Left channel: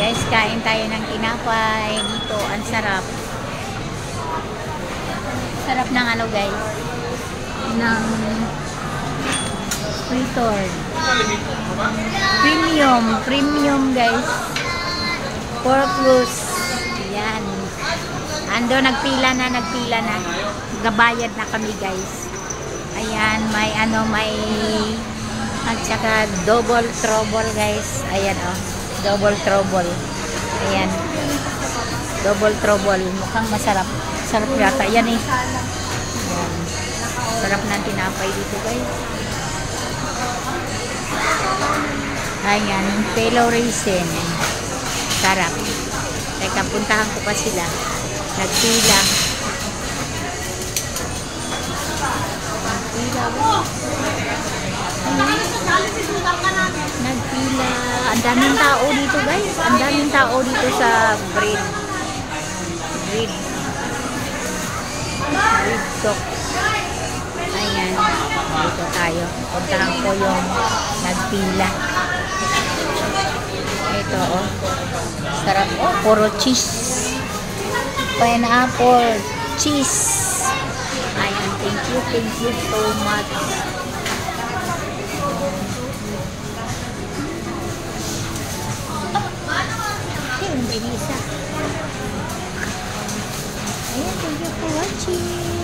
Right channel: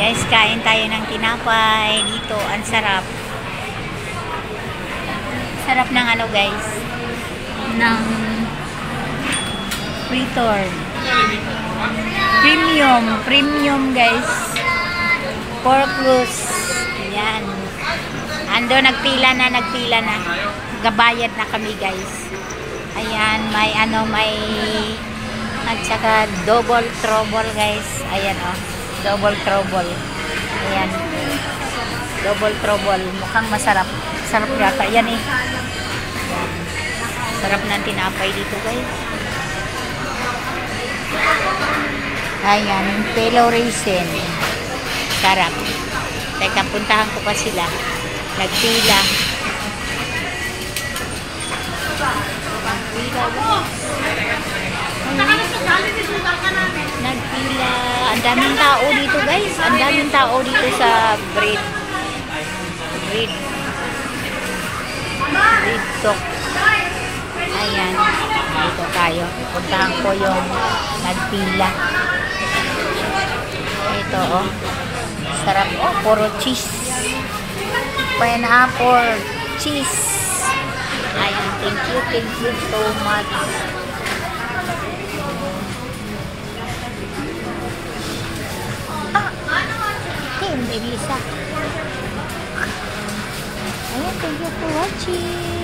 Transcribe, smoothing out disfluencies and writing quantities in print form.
Guys, kain tayo ng tinapay dito. Ang sarap. Sarap ng ano guys. Ng fritter. Premium guys. Porklus. Yan. Ando, nagpila na. Gabayad na kami guys. Ayan, may at saka double trouble guys. Ayan o. Double trouble. Ayan. Double trouble. Mukhang masarap. Sarap yata. Yan eh. Ayan. Sarap ng tinapay dito guys. Ayan. Pelo raisin. Sarap. Teka, puntahan ko pa sila. Nagpila. Nagpila. Ang daming tao dito guys. Ang daming tao dito sa bread talk. Ayan. Dito tayo. Puntahan ko yung nagpila. Ito oh. Sarap oh. Puro cheese. Pineapple. Cheese. Ayan. Thank you so much. Hey, Melissa. Ayan, thank you for watching.